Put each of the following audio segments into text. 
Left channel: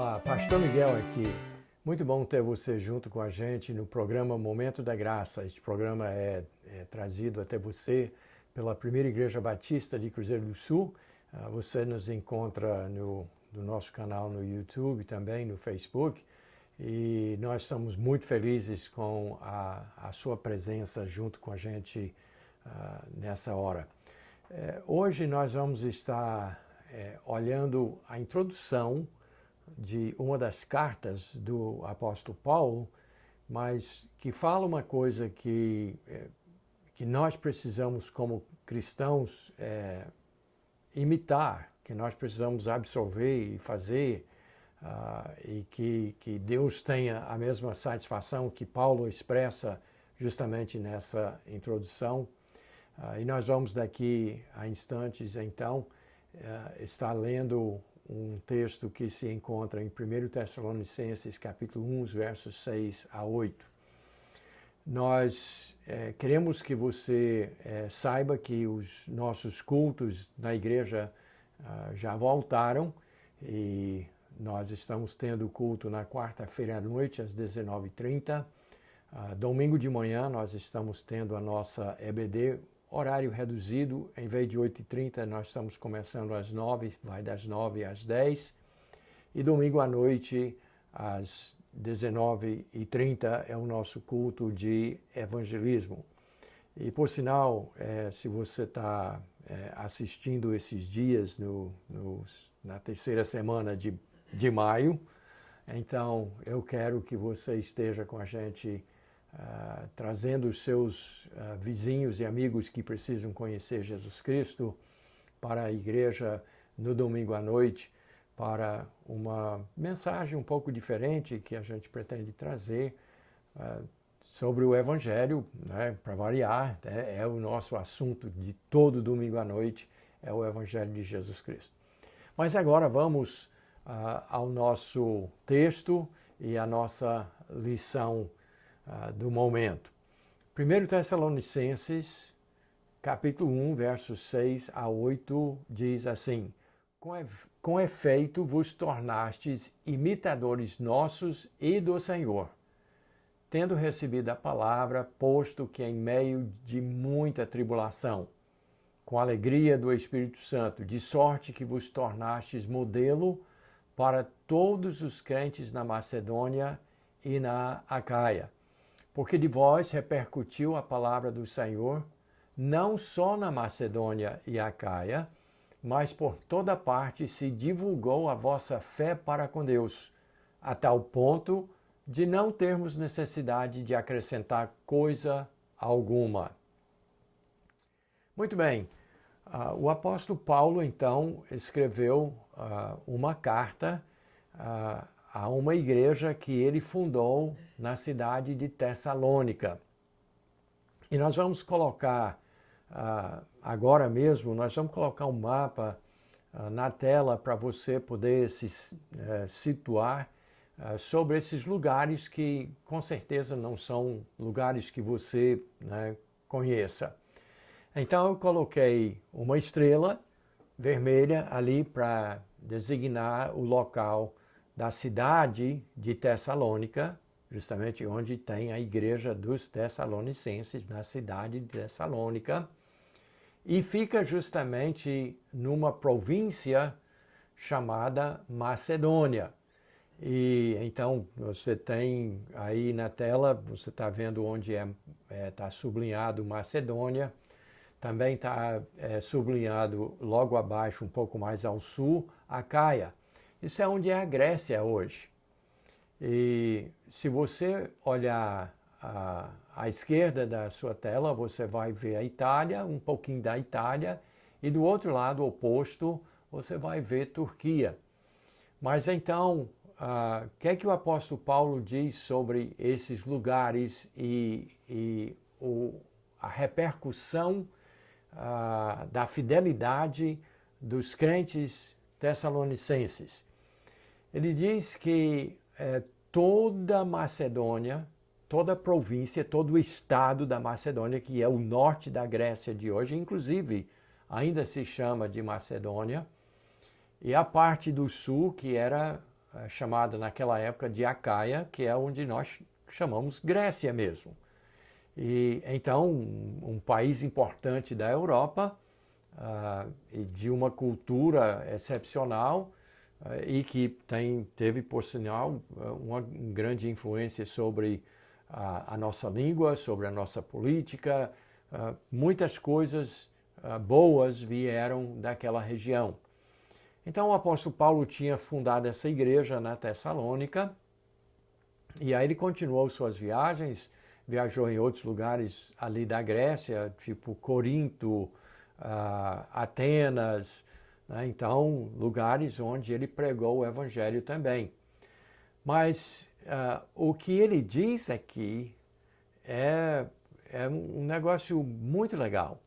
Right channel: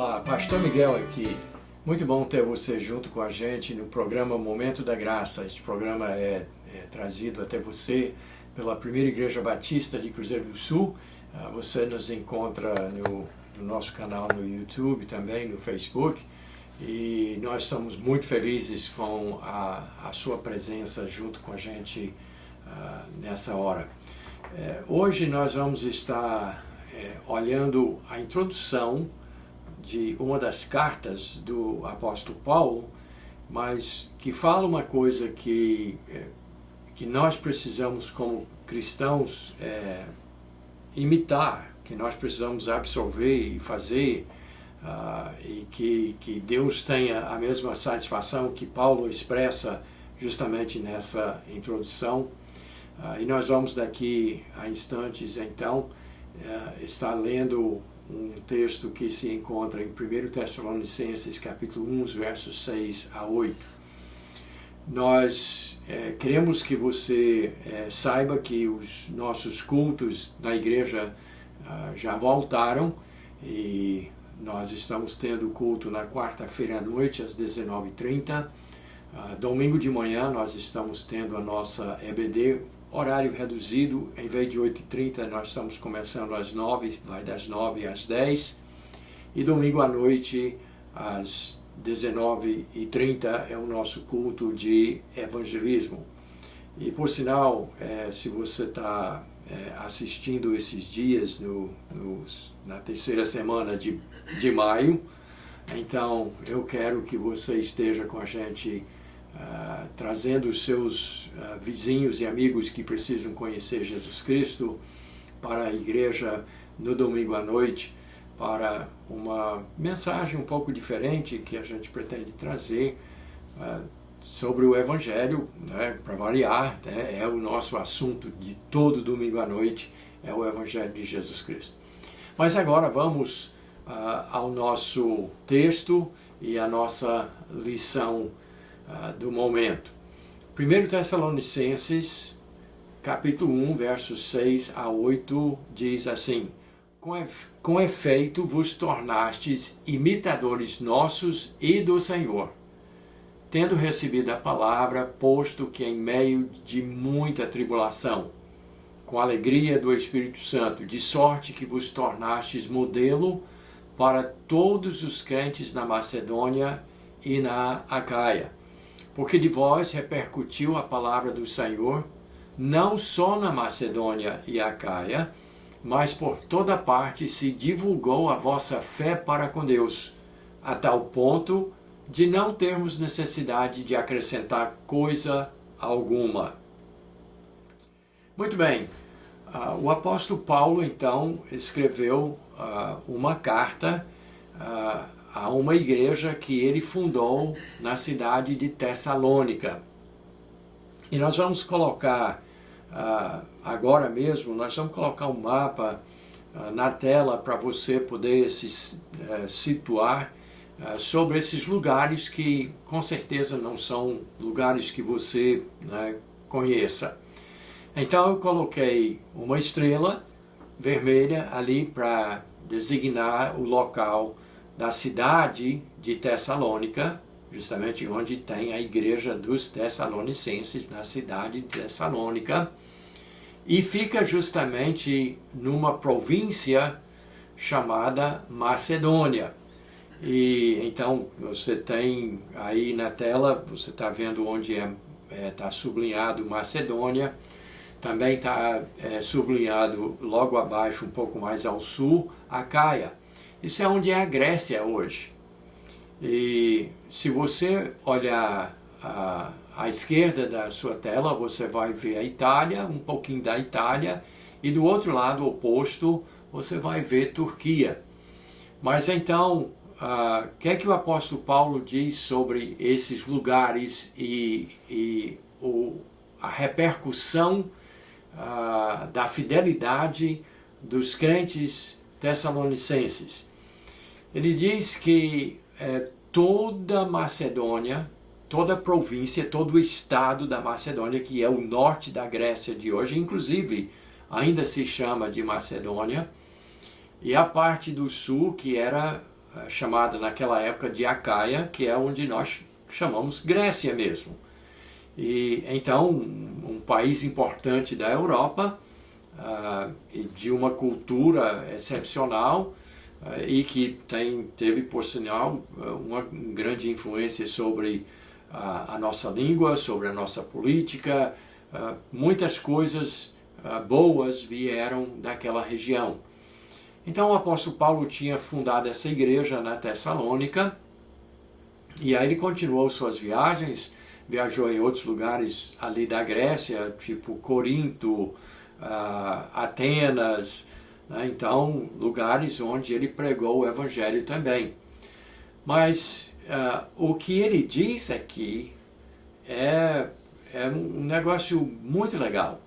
Olá, Pastor Miguel aqui. Muito bom ter você junto com a gente no programa Momento da Graça. Este programa é trazido até você pela Primeira Igreja Batista de Cruzeiro do Sul. Você nos encontra no nosso canal no YouTube, também no Facebook. E nós estamos muito felizes com a sua presença junto com a gente nessa hora. Hoje nós vamos estar olhando a introdução de uma das cartas do apóstolo Paulo, mas que fala uma coisa que nós precisamos como cristãos imitar, que nós precisamos absorver e fazer, e que Deus tenha a mesma satisfação que Paulo expressa justamente nessa introdução. E nós vamos daqui a instantes então estar lendo um texto que se encontra em 1 Tessalonicenses capítulo 1, versos 6 a 8. Nós queremos que você saiba que os nossos cultos na igreja já voltaram e nós estamos tendo culto na quarta-feira à noite às 19h30. Domingo de manhã nós estamos tendo a nossa EBD, horário reduzido, em vez de 8h30 nós estamos começando às 9, vai das 9 às 10. E domingo à noite, às 19h30, é o nosso culto de evangelismo. E por sinal, se você está assistindo esses dias na terceira semana de maio, então eu quero que você esteja com a gente trazendo os seus vizinhos e amigos que precisam conhecer Jesus Cristo para a igreja no domingo à noite, para uma mensagem um pouco diferente que a gente pretende trazer sobre o Evangelho, né, para variar, né, é o nosso assunto de todo domingo à noite, é o Evangelho de Jesus Cristo. Mas agora vamos ao nosso texto e à nossa lição do momento. 1 Tessalonicenses, capítulo 1, versos 6 a 8, diz assim: Com efeito vos tornastes imitadores nossos e do Senhor, tendo recebido a palavra, posto que em meio de muita tribulação, com a alegria do Espírito Santo, de sorte que vos tornastes modelo para todos os crentes na Macedônia e na Acaia. Porque de vós repercutiu a palavra do Senhor, não só na Macedônia e Acaia, mas por toda parte se divulgou a vossa fé para com Deus, a tal ponto de não termos necessidade de acrescentar coisa alguma. Muito bem, o apóstolo Paulo então escreveu uma carta a uma igreja que ele fundou na cidade de Tessalônica. E nós vamos colocar, agora mesmo, nós vamos colocar um mapa na tela para você poder se situar sobre esses lugares que com certeza não são lugares que você conheça. Então eu coloquei uma estrela vermelha ali para designar o local da cidade de Tessalônica, justamente onde tem a igreja dos Tessalonicenses, na cidade de Tessalônica, e fica justamente numa província chamada Macedônia. E então você tem aí na tela, você está vendo onde está sublinhado Macedônia, também está sublinhado logo abaixo, um pouco mais ao sul, Acaia. Isso é onde é a Grécia hoje. E se você olhar à esquerda da sua tela, você vai ver a Itália, um pouquinho da Itália, e do outro lado oposto, você vai ver Turquia. Mas então, o que é que o apóstolo Paulo diz sobre esses lugares e a repercussão da fidelidade dos crentes tessalonicenses? Ele diz que toda a Macedônia, toda a província, todo o estado da Macedônia, que é o norte da Grécia de hoje, inclusive ainda se chama de Macedônia, e a parte do sul, que era chamada naquela época de Acaia, que é onde nós chamamos Grécia mesmo. E então, um país importante da Europa, e de uma cultura excepcional, e que teve, por sinal, uma grande influência sobre a nossa língua, sobre a nossa política. Muitas coisas boas vieram daquela região. Então o apóstolo Paulo tinha fundado essa igreja na Tessalônica, e aí ele continuou suas viagens, viajou em outros lugares ali da Grécia, tipo Corinto, Atenas, né? Então lugares onde ele pregou o evangelho também. Mas o que ele diz aqui é um negócio muito legal,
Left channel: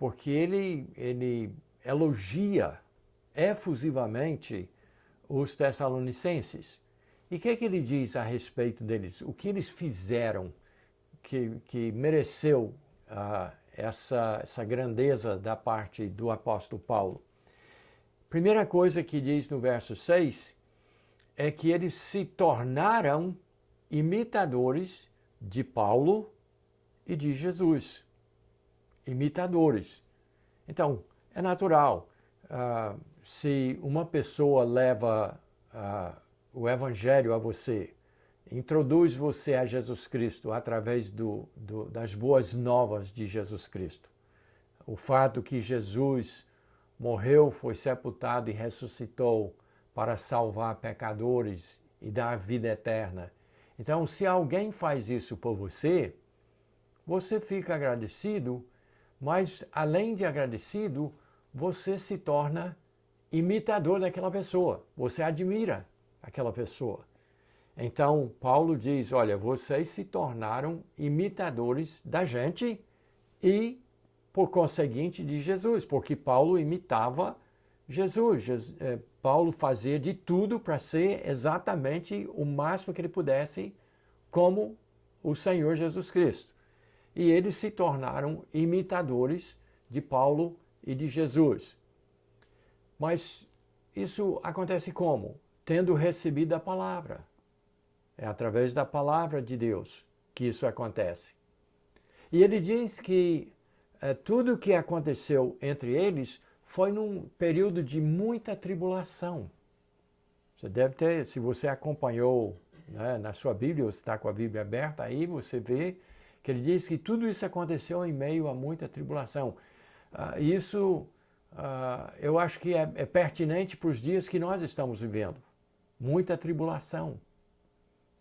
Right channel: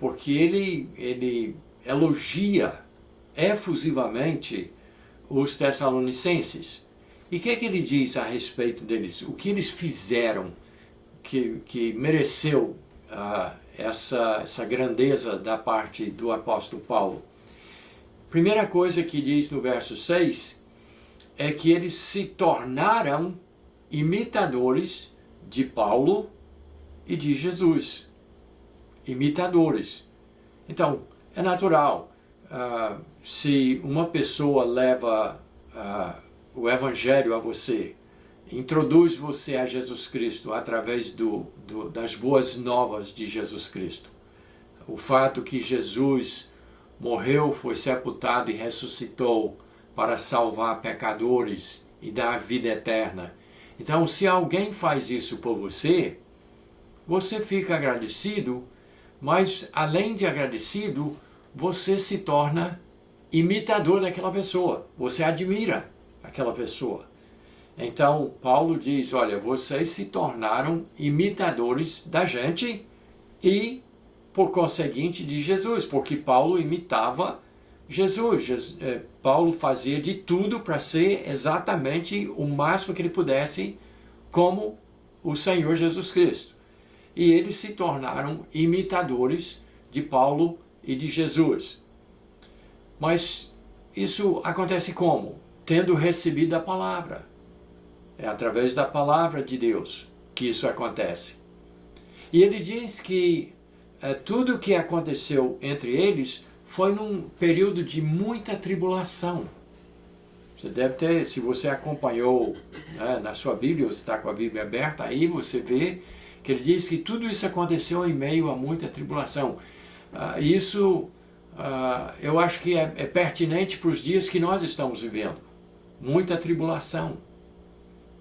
porque ele elogia efusivamente os tessalonicenses. E o que ele diz a respeito deles? O que eles fizeram que mereceu essa grandeza da parte do apóstolo Paulo? Primeira coisa que diz no verso 6 é que eles se tornaram imitadores de Paulo e de Jesus. Imitadores. Então, é natural. Se uma pessoa leva o evangelho a você, introduz você a Jesus Cristo através das boas novas de Jesus Cristo, o fato que Jesus morreu, foi sepultado e ressuscitou para salvar pecadores e dar vida eterna. Então, se alguém faz isso por você, você fica agradecido, mas além de agradecido, você se torna imitador daquela pessoa. Você admira aquela pessoa. Então, Paulo diz, olha, vocês se tornaram imitadores da gente e, por conseguinte, de Jesus, porque Paulo imitava Jesus. Paulo fazia de tudo para ser exatamente o máximo que ele pudesse como o Senhor Jesus Cristo. E eles se tornaram imitadores de Paulo e de Jesus. Mas isso acontece como? Tendo recebido a palavra. É através da palavra de Deus que isso acontece. E ele diz que tudo o que aconteceu entre eles foi num período de muita tribulação. Você deve ter, se você acompanhou, né, na sua Bíblia, você está com a Bíblia aberta, aí você vê que ele diz que tudo isso aconteceu em meio a muita tribulação. Eu acho que é pertinente para os dias que nós estamos vivendo. Muita tribulação.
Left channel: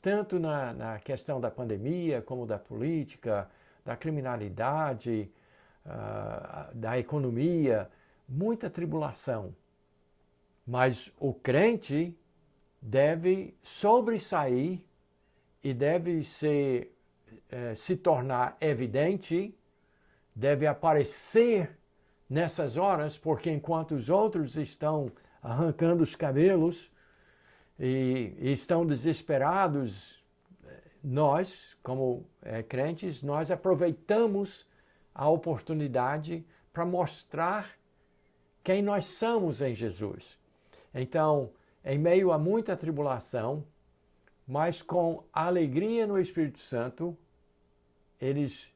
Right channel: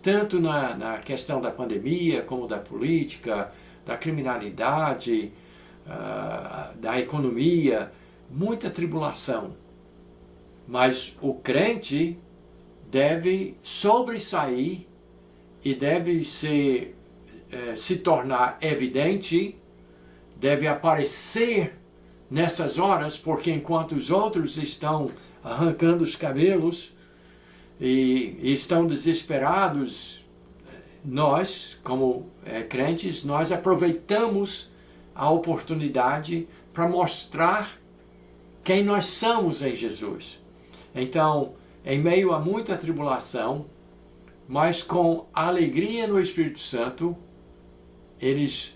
Tanto na questão da pandemia, como da política, da criminalidade, da economia. Muita tribulação. Mas o crente deve sobressair e deve se tornar evidente, deve aparecer nessas horas, porque enquanto os outros estão arrancando os cabelos e estão desesperados, nós, como crentes, nós aproveitamos a oportunidade para mostrar quem nós somos em Jesus. Então, em meio a muita tribulação, mas com alegria no Espírito Santo, eles,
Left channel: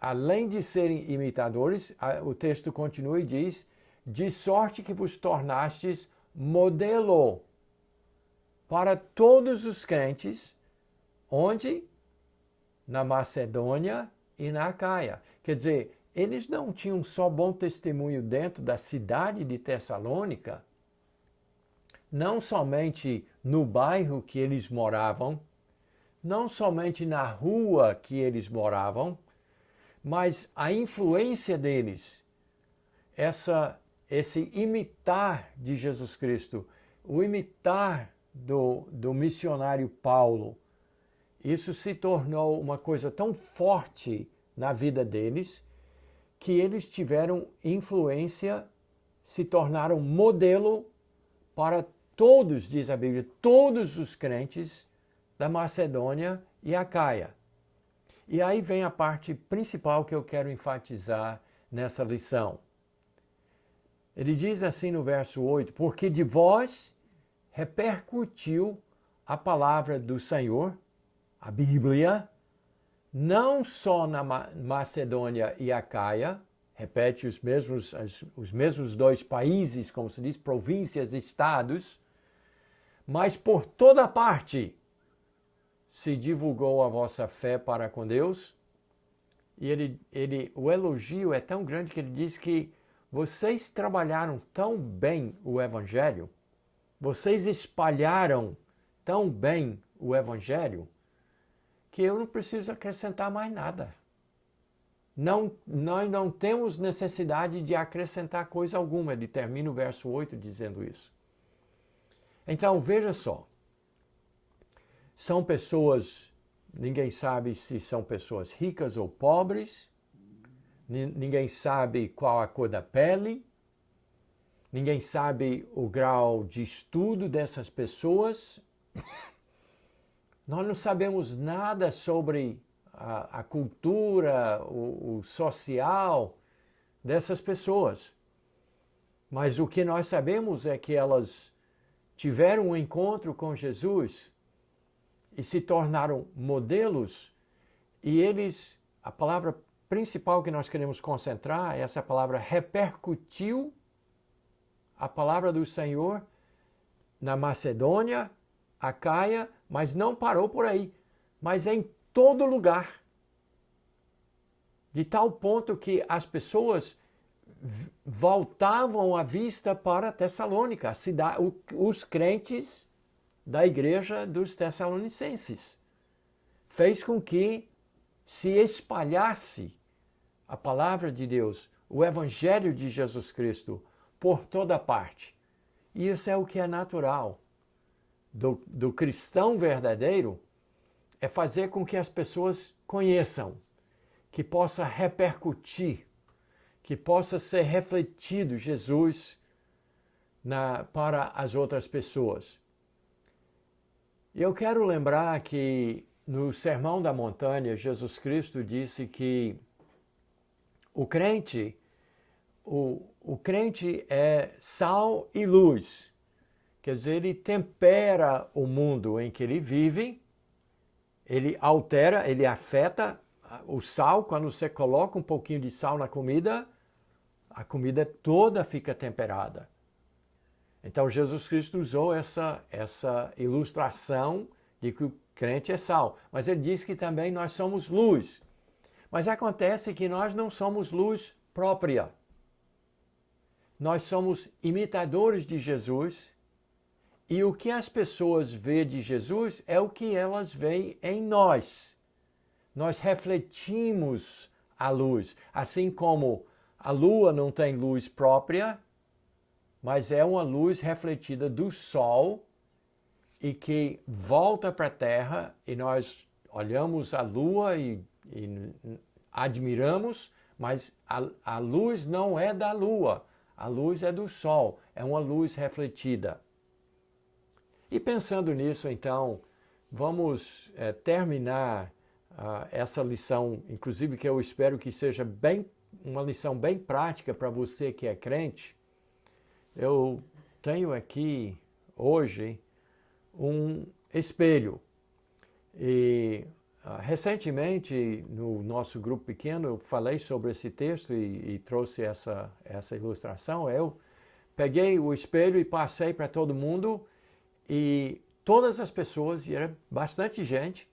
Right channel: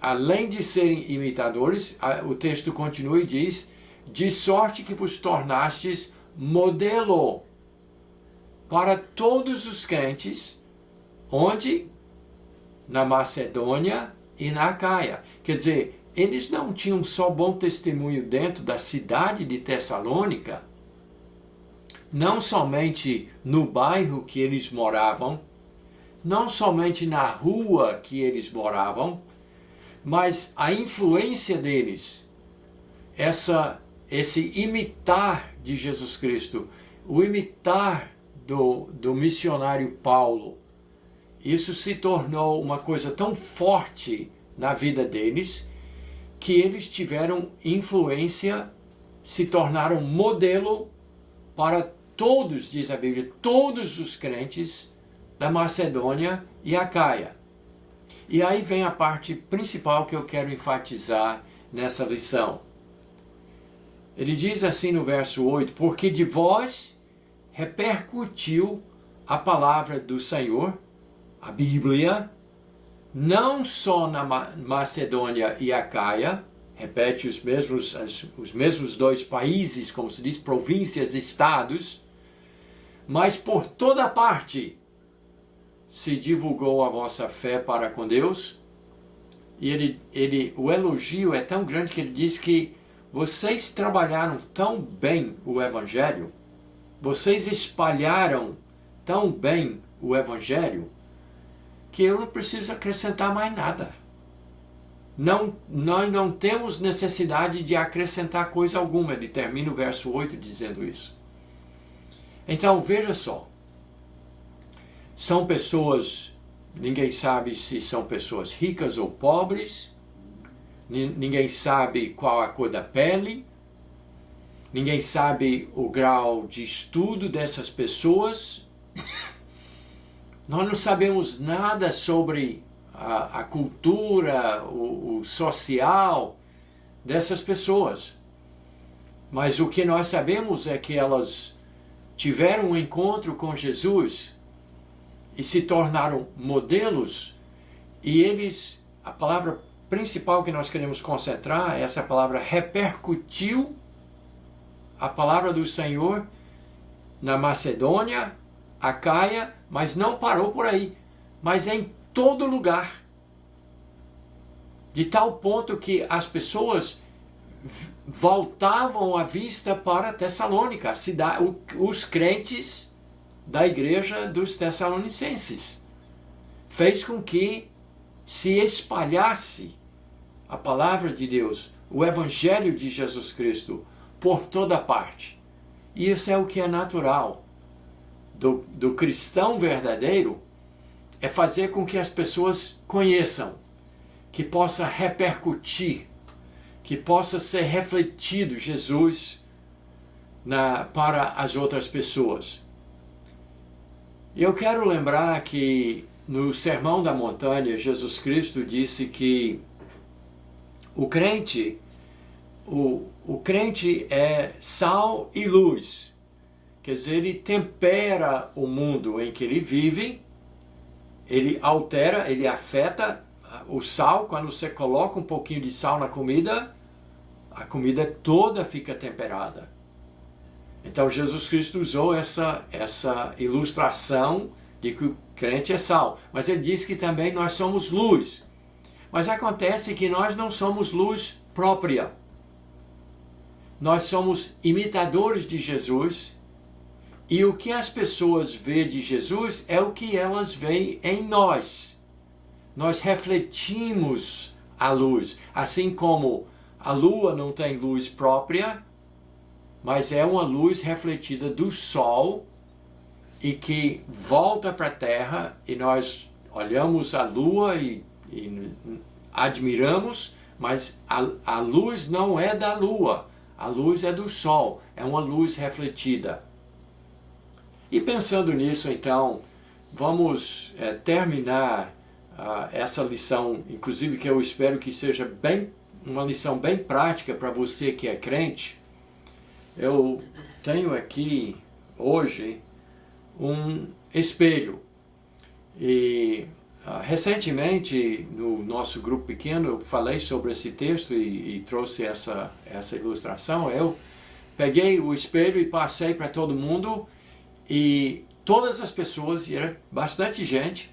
além de serem imitadores, o texto continua e diz, de sorte que vos tornastes modelo para todos os crentes, onde? Na Macedônia e na Acaia. Quer dizer, eles não tinham só bom testemunho dentro da cidade de Tessalônica, não somente no bairro que eles moravam, não somente na rua que eles moravam, mas a influência deles, esse imitar de Jesus Cristo, o imitar do missionário Paulo, isso se tornou uma coisa tão forte na vida deles, que eles tiveram influência, se tornaram modelo para todos, diz a Bíblia, todos os crentes da Macedônia e Acaia. E aí vem a parte principal que eu quero enfatizar nessa lição. Ele diz assim no verso 8, porque de vós repercutiu a palavra do Senhor, a Bíblia, não só na Macedônia e Acaia, repete os mesmos dois países, como se diz, províncias, estados, mas por toda parte se divulgou a vossa fé para com Deus. E o elogio é tão grande que ele diz que vocês trabalharam tão bem o Evangelho, vocês espalharam tão bem o Evangelho, que eu não preciso acrescentar mais nada. Nós não temos necessidade de acrescentar coisa alguma. Ele termina o verso 8 dizendo isso. Então, veja só. São pessoas, ninguém sabe se são pessoas ricas ou pobres, ninguém sabe qual a cor da pele, ninguém sabe o grau de estudo dessas pessoas. Nós não sabemos nada sobre a cultura, o social dessas pessoas. Mas o que nós sabemos é que elas tiveram um encontro com Jesus e se tornaram modelos, e eles, a palavra principal que nós queremos concentrar é essa palavra repercutiu a palavra do Senhor na Macedônia, Acaia, mas não parou por aí, mas em todo lugar. De tal ponto que as pessoas voltavam a vista para Tessalônica, a cidade, os crentes da igreja dos Tessalonicenses. Fez com que se espalhasse a palavra de Deus, o Evangelho de Jesus Cristo, por toda parte. E isso é o que é natural do cristão verdadeiro, é fazer com que as pessoas conheçam, que possa repercutir, que possa ser refletido Jesus para as outras pessoas. Eu quero lembrar que no Sermão da Montanha, Jesus Cristo disse que o crente é sal e luz. Quer dizer, ele tempera o mundo em que ele vive, ele altera, ele afeta o sal. Quando você coloca um pouquinho de sal na comida, a comida toda fica temperada. Então Jesus Cristo usou essa ilustração de que o crente é sal. Mas ele diz que também nós somos luz. Mas acontece que nós não somos luz própria. Nós somos imitadores de Jesus. E o que as pessoas veem de Jesus é o que elas veem em nós. Nós refletimos a luz. Assim como a lua não tem luz própria, mas é uma luz refletida do sol e que volta para a terra, e nós olhamos a lua e admiramos, mas a luz não é da lua, a luz é do sol, é uma luz refletida. E pensando nisso, então, vamos terminar essa lição, inclusive que eu espero que seja uma lição bem prática para você que é crente. Eu tenho aqui hoje um espelho e recentemente no nosso grupo pequeno eu falei sobre esse texto e trouxe essa ilustração. Eu peguei o espelho e passei para todo mundo, e todas as pessoas, e era bastante gente,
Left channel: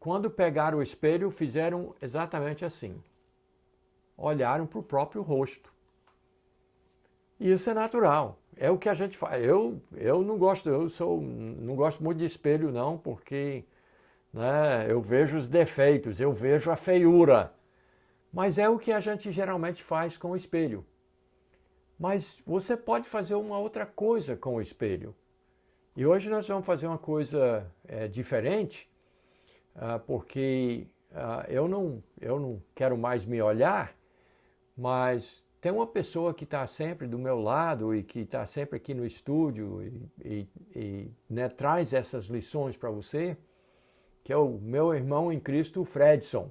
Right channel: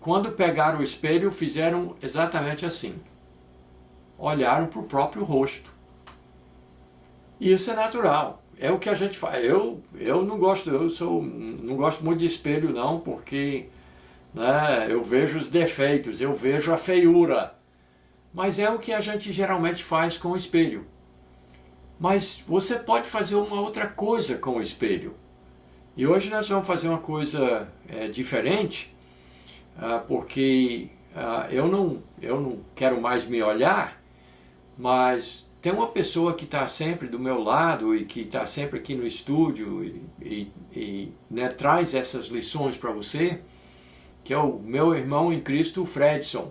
quando pegaram o espelho fizeram exatamente assim, olharam para o próprio rosto. E isso é natural, é o que a gente faz. Eu não gosto, não gosto muito de espelho não, porque eu vejo os defeitos, eu vejo a feiura, mas é o que a gente geralmente faz com o espelho. Mas você pode fazer uma outra coisa com o espelho. E hoje nós vamos fazer uma coisa diferente, porque eu não quero mais me olhar, mas tem uma pessoa que está sempre do meu lado e que está sempre aqui no estúdio e traz essas lições para você, que é o meu irmão em Cristo, o Fredson.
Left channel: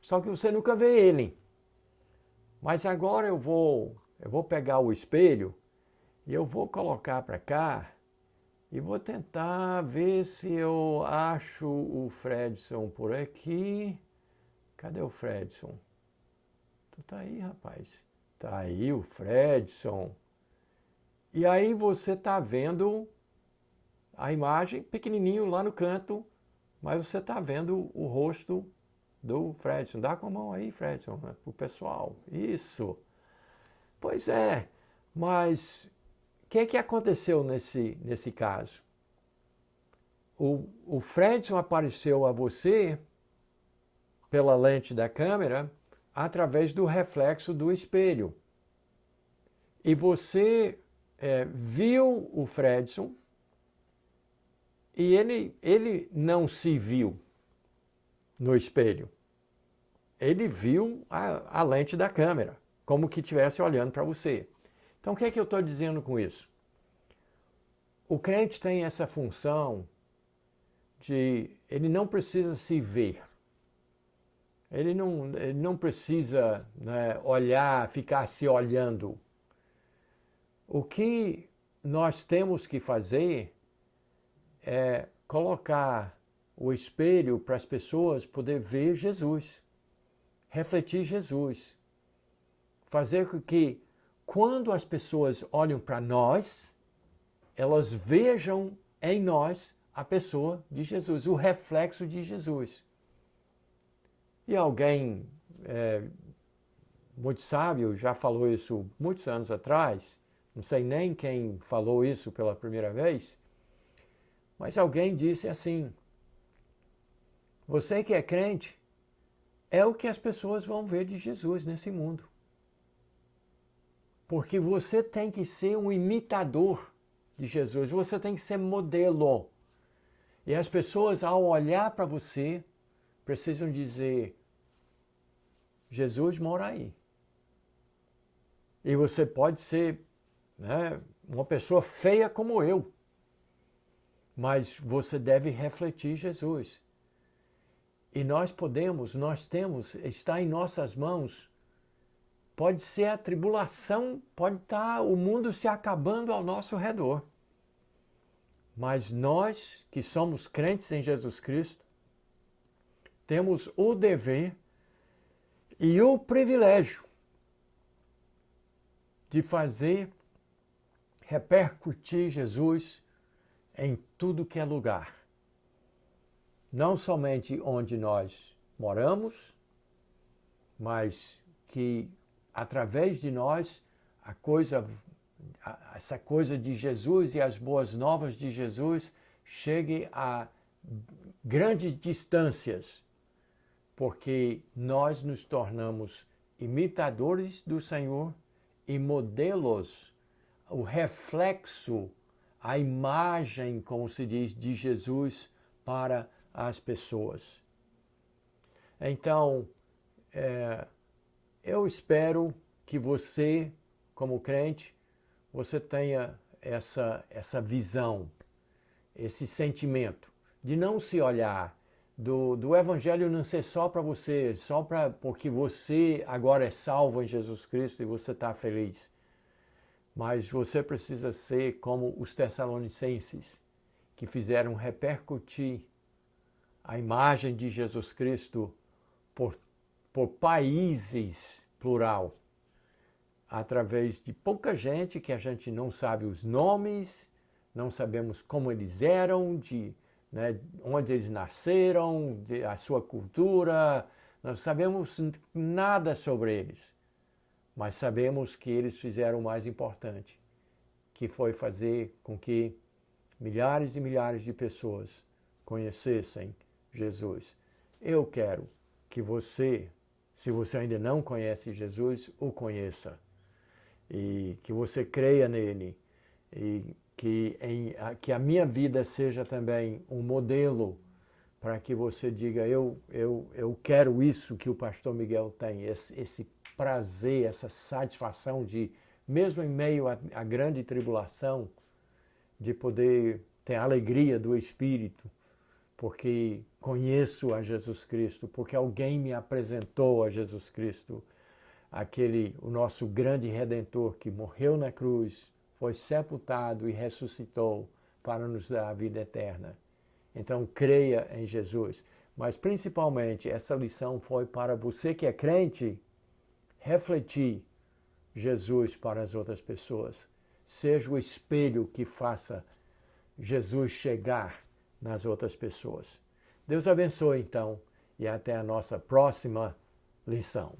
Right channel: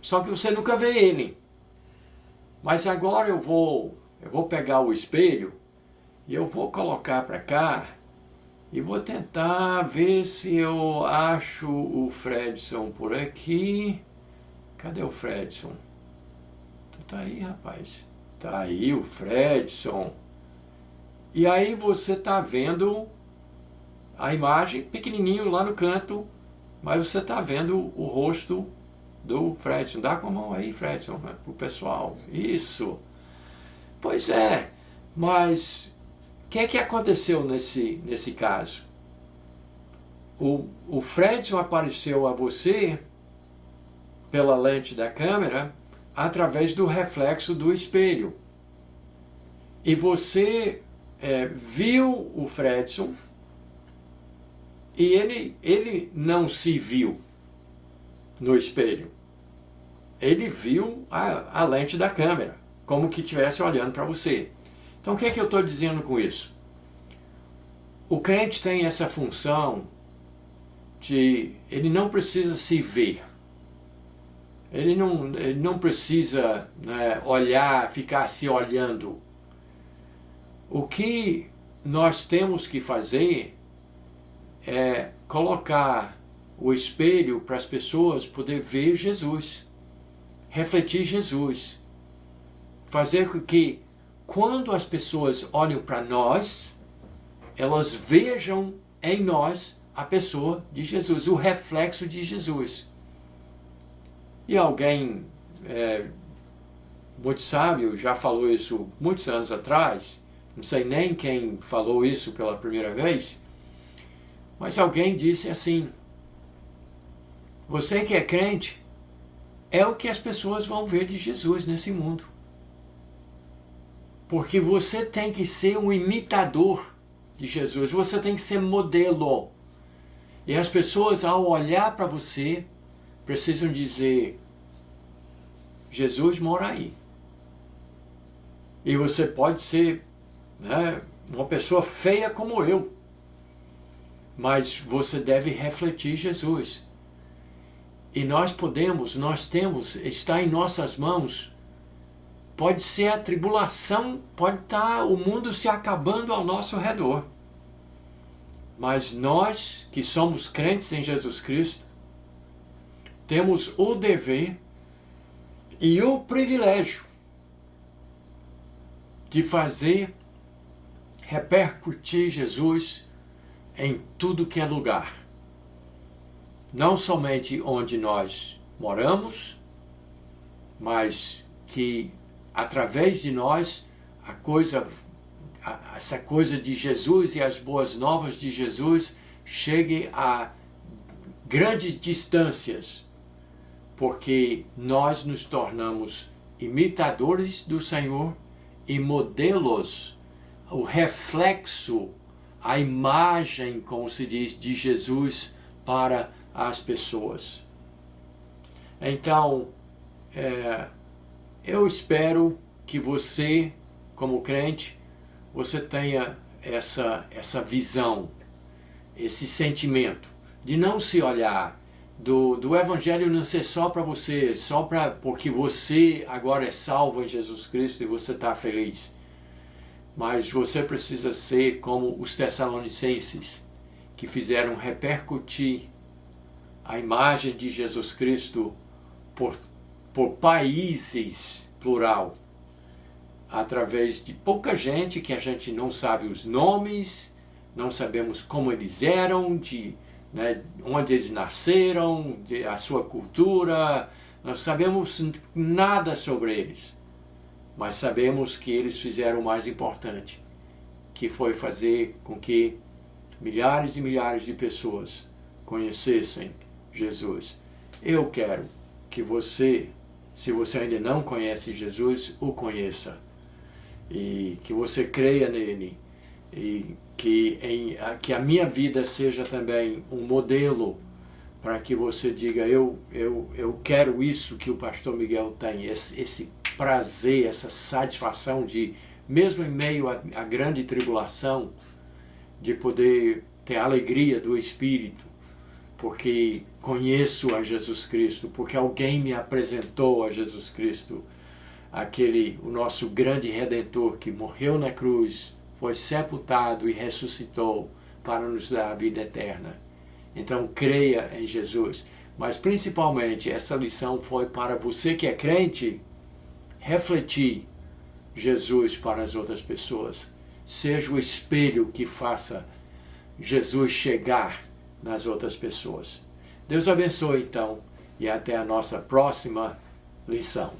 Só que você nunca vê ele. Mas agora eu vou pegar o espelho E eu vou colocar para cá e vou tentar ver se eu acho o Fredson por aqui. Cadê o Fredson? Tu tá aí, rapaz. Tá aí o Fredson. E aí você tá vendo a imagem pequenininho lá no canto, mas você tá vendo o rosto do Fredson. Dá com a mão aí, Fredson, pro pessoal. Isso. Pois é, mas o que aconteceu nesse caso? O Fredson apareceu a você pela lente da câmera através do reflexo do espelho. E você viu o Fredson e ele não se viu no espelho. Ele viu a lente da câmera, como que estivesse olhando para você. Então o que eu estou dizendo com isso? O crente tem essa função de ele não precisa se ver. Ele não precisa, né, olhar, ficar se olhando. O que nós temos que fazer é colocar o espelho para as pessoas poder ver Jesus, refletir Jesus, fazer com que quando as pessoas olham para nós, elas vejam em nós a pessoa de Jesus, o reflexo de Jesus. E alguém muito sábio já falou isso muitos anos atrás, não sei nem quem falou isso pela primeira vez, mas alguém disse assim: você que é crente é o que as pessoas vão ver de Jesus nesse mundo. Porque você tem que ser um imitador de Jesus, você tem que ser modelo. E as pessoas, ao olhar para você, precisam dizer: Jesus mora aí. E você pode ser, né, uma pessoa feia como eu, mas você deve refletir Jesus. E nós temos, está em nossas mãos. Pode ser a tribulação, pode estar o mundo se acabando ao nosso redor. Mas nós, que somos crentes em Jesus Cristo, temos o dever e o privilégio de fazer repercutir Jesus em tudo que é lugar. Não somente onde nós moramos, mas que através de nós essa coisa de Jesus e as boas novas de Jesus chegue a grandes distâncias, porque nós nos tornamos imitadores do Senhor e modelos, o reflexo, a imagem, como se diz, de Jesus para as pessoas. Então, eu espero que você, como crente, você tenha essa visão, esse sentimento de não se olhar, do Evangelho não ser só para você, porque você agora é salvo em Jesus Cristo e você está feliz. Mas você precisa ser como os Tessalonicenses, que fizeram repercutir a imagem de Jesus Cristo por países, plural, através de pouca gente que a gente não sabe os nomes, não sabemos como eles eram, onde eles nasceram, a sua cultura, não sabemos nada sobre eles. Mas sabemos que eles fizeram o mais importante, que foi fazer com que milhares e milhares de pessoas conhecessem Jesus. Eu quero que você, se você ainda não conhece Jesus, o conheça. E que você creia nele. E que a minha vida seja também um modelo para que você diga: eu quero isso que o pastor Miguel tem, esse prazer, essa satisfação de, mesmo em meio à grande tribulação, de poder ter a alegria do Espírito, porque conheço a Jesus Cristo, porque alguém me apresentou a Jesus Cristo, o nosso grande Redentor que morreu na cruz, foi sepultado e ressuscitou para nos dar a vida eterna. Então, creia em Jesus. Mas, principalmente, essa lição foi para você que é crente, refletir Jesus para as outras pessoas. Seja o espelho que faça Jesus chegar nas outras pessoas. Deus abençoe, então, e até a nossa próxima lição.